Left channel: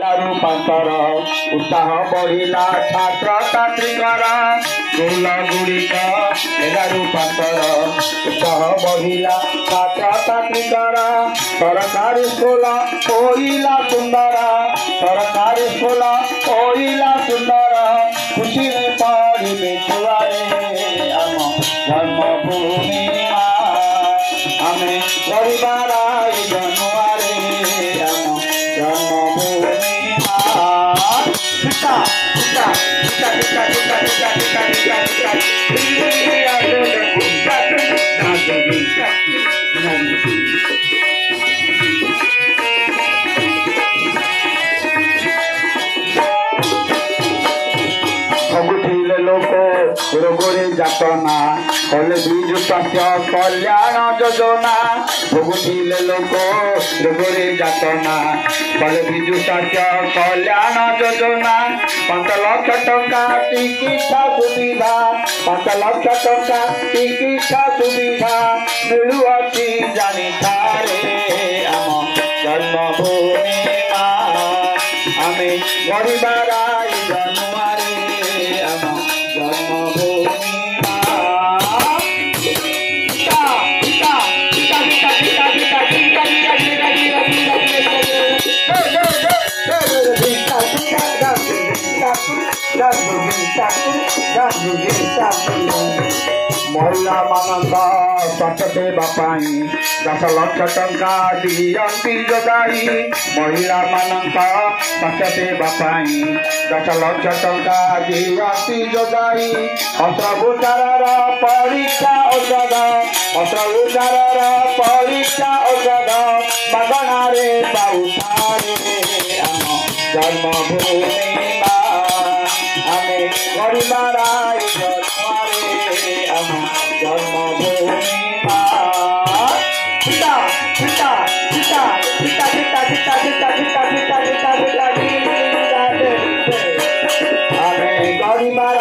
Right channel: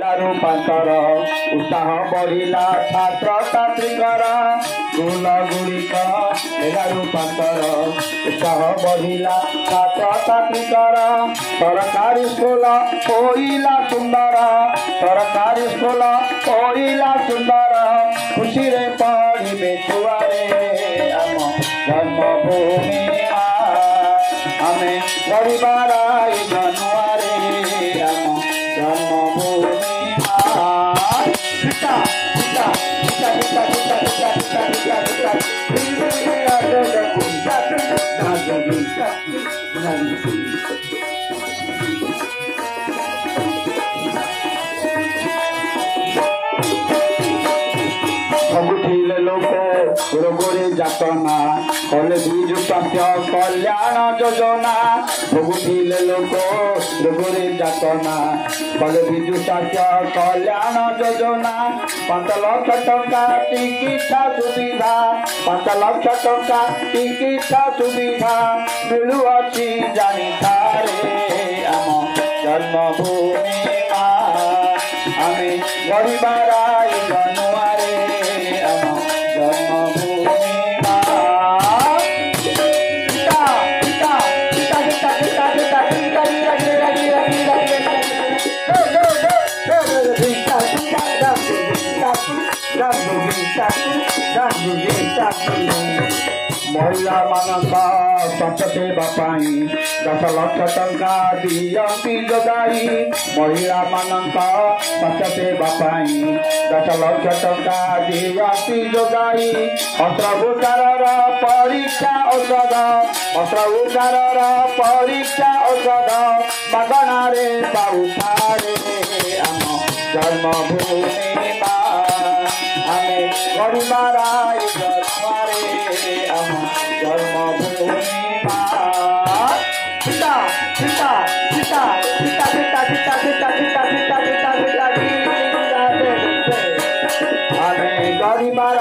रूपांतर उत्साह बढ़िला छात्र छात्रीकर स्कूल गुड़िक रूपांतर उत्साह बढ़िला छात्र छात्रीकर सरकारी स्कूल होइला सुंदर सरकारी स्कूल होइला सुंदर खुशी रे पढ़े छुआरे आम जन्मभूमि आमे परिवार जनुआरे आम जन्मभूमि रोगरे जातना कले बिजु स्वास्थ्य कल्याण योजना भोगुले लोक रोगरे जातना कले बिजु स्वास्थ्य कल्याण योजना 5 लाख टंका चिकित्सा सुविधा 5 लाख टंका चिकित्सा सुविधा मिलुअछि जानी थारे आम जन्मभूमि आमे गरीबार जनुआरे आम जन्मभूमि महिला मानक स्वास्थ्य सेवा 10 लाख टंका दियंती जोगाई महिला मानक स्वास्थ्य सेवा 10 लाख टंका दियंती जोगाई अस्त्रोपचार परीक्षा औषध अस्त्रोपचार परीक्षा औषध मागणारे पाउठारे आम जन्मभूमि आमे गरीबार जन्मारे आम जन्मभूमि पिता पिता पिता पिता पिता पिता पिता पिता पिता पिता पिता आमे गरीबार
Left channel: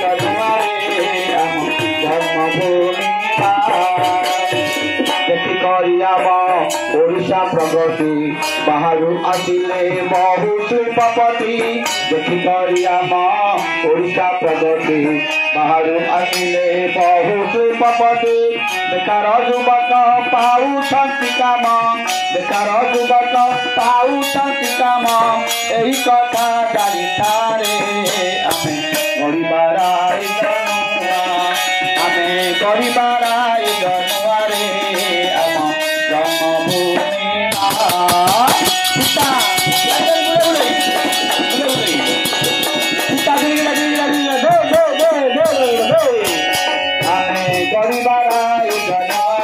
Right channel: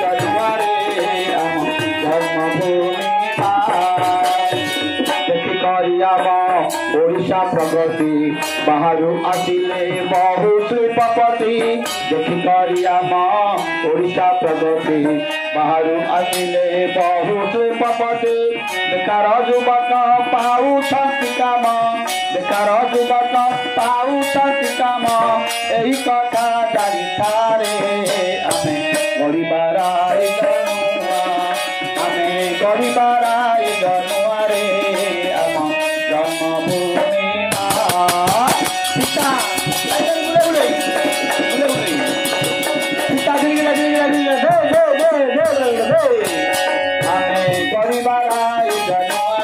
जन्मारे आम जन्मभूमि ओडिशा प्रगति बाहर आसिले बहु शिल्पपति देखिक आम ओडिशा प्रगति बाहर आसिले बहु शिल्पपति बेकार युवक पाउछंती काम बेकार युवक पाउछंती काम एही कथा जानी थारे आमे गरीबार आमे गरीबार जनुआरे आम जन्मभूमि पिता आमे गरीबार जनुआरे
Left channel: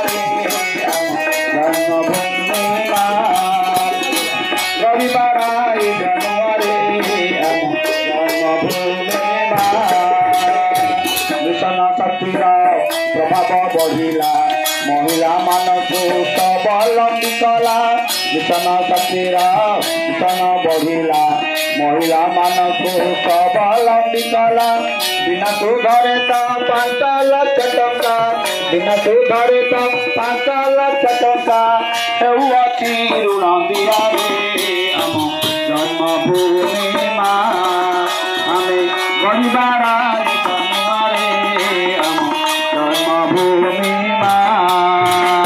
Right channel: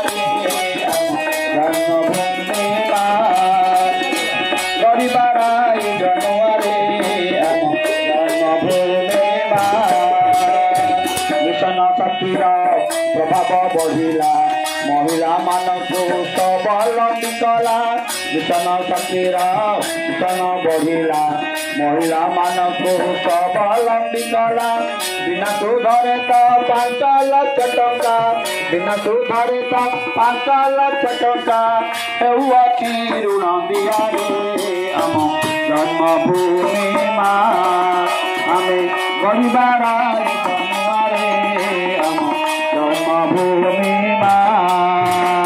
गरीबार जनुआरे मिशन शक्तिर प्रभाव बढ़िला महिला मानक स्वावलंबी कला मिशन शक्तिर मिशन बढ़िला महिला मानक स्वावलंबी कला बिना सुधरे तो 5 लाख टंका बिना सुधरे तो 5 लाख टंका हेउअछि ऋण दियारे आम जन्मभूमि आमे गरीबार जनुआरे आम जन्मभूमि